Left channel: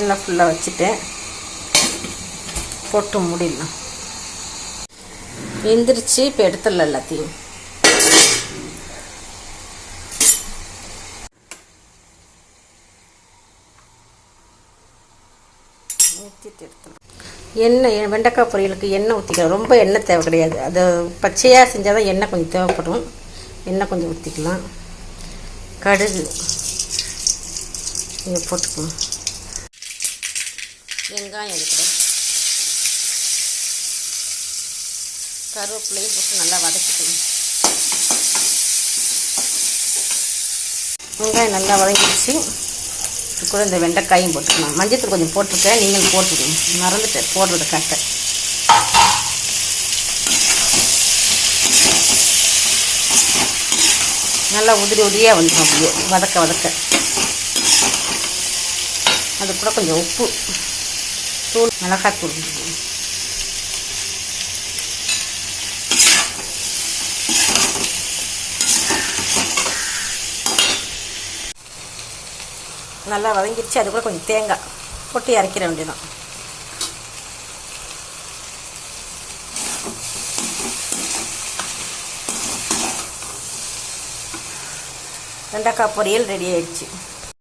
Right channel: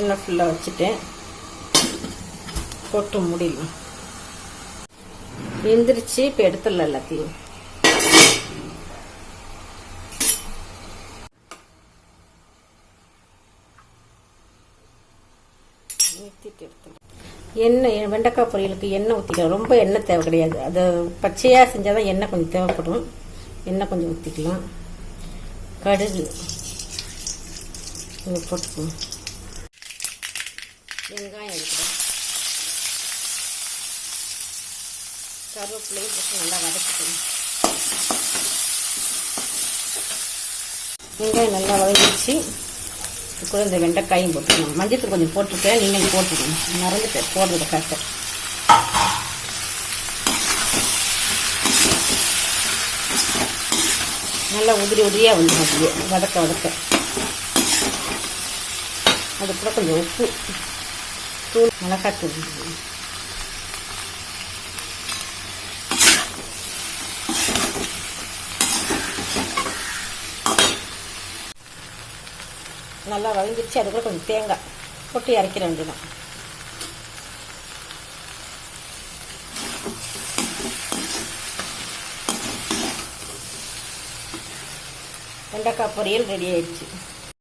எல்லாம் ஃபுல்லாக வச்சுட்டேன். போட்டு மூடிடலாம். வெந்துருச்சு. இப்போ எடுத்துடலாம் எல்லாத்தையும். ஊற்றிட்டு எடுத்துடலாம். எண்ணெய் வெண்டைக்காய் பொரியலுக்கு எண்ணெய் ஊற்றிக்கலாம். ரொம்ப எண்ணெய் தேவை கிடையாது. அது பச்சையாக செஞ்சால் தான் எண்ணெய் கொஞ்சம் தேவைப்படும். எண்ணெய் கொஞ்சம் ஊற்றிக்கலாம். கடுகு இங்கே போட்டுக்கலாம். வெங்காயம் எடுக்கிறேன். கருவேப்பிலையும் போட்டு நல்லா வதக்கிக்கணும். வெங்காயம் நல்லா வதங்கிடுச்சு. இது கூட இந்த வெண்டைக்காயும் போட்டுக்கலாம். மஞ்சத்தூள் கொஞ்சம் போட்டிருக்கேன், நீங்கள் போட்டுக்கணும். மறந்துட்டேன் போடுறத காட்ட. நல்லா உதிரி உதிரியாக வந்துடும். அப்படியே வதக்க வதக்க அது கூட கொஞ்சம் உப்பு தூள், மிளகாத்தூள். நல்லா வதங்கிடுச்சு. அது கூட கொஞ்சம் தேங்காய் போட்டு இறக்கிற வேண்டியதான். வெண்டைக்காய் பொரியல் ரெடி ஆயிடுச்சு.